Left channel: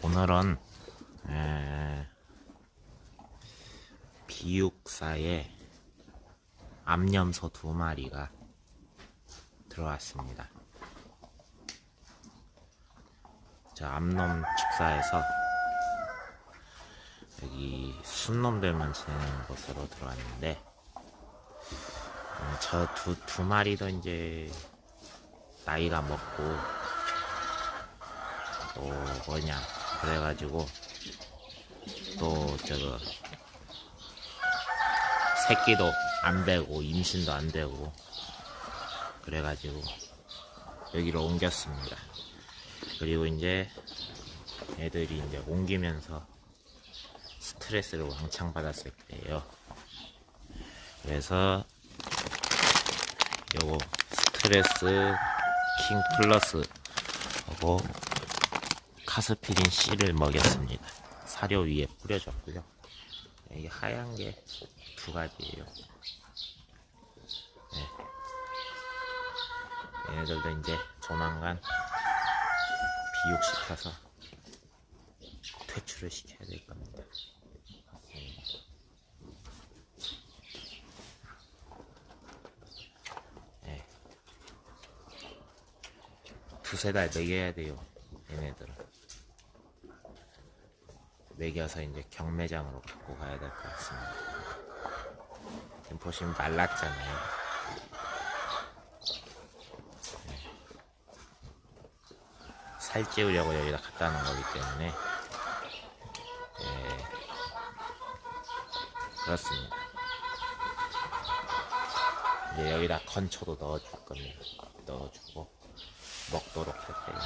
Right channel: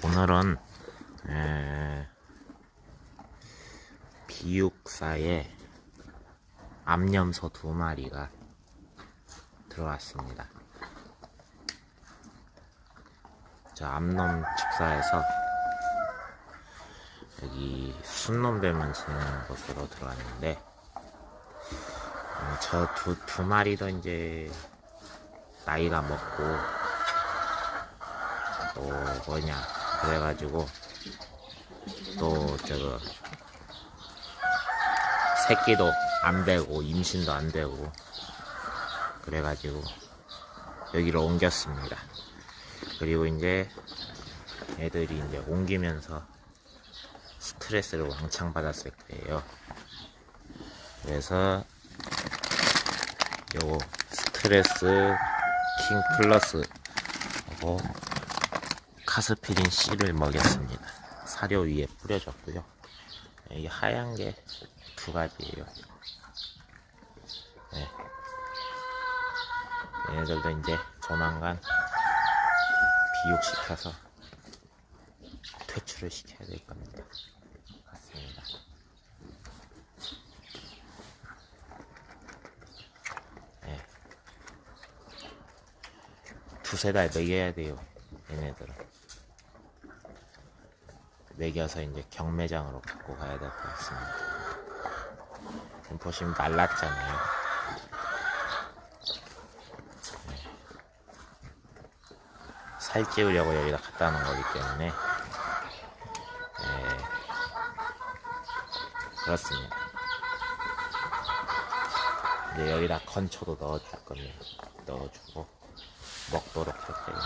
오늘은 에, 비육사에 암염소 두 마리가 들어왔습니다. 저 암놈 축사에서 여기 순놈들만 지내는 곳으로 들어왔는데 저두 두 마리도 이제 나이가 먹고 또 뭐냐 그래가지고 또 저거 새끼도 안 되고 임신도 안 되고 그래가지고 여기로 옮겼습니다. 그리고 이제 애들이 이제 옮기면서 스트레스를 왕창 받았을 거예요. 그래서 요거 스트레스 킹 플러스 하고 카스피린 C를 먹였습니다. 사료 위에 뿌려줬고요. 이 하얀 게 두 가지예요. 네. 얘네들도 이제 조만간 비육시켜서 퇴출을 시켜야 될 겁니다. 맞습니다. 네. 두세 달 먹여야 돼요. 얘네들은. 먹여서 이제 경매장으로 갖고 가야 될 것 같습니다. 지금 보시면 말랐잖아요. 네. 살 찌우려고 여기다 갖다 놓은 거기 때문에 네. 그렇습니다. 이제 여기다 건초도 넣어줄 겁니다. 넣어주고 먹도록 할 거예요.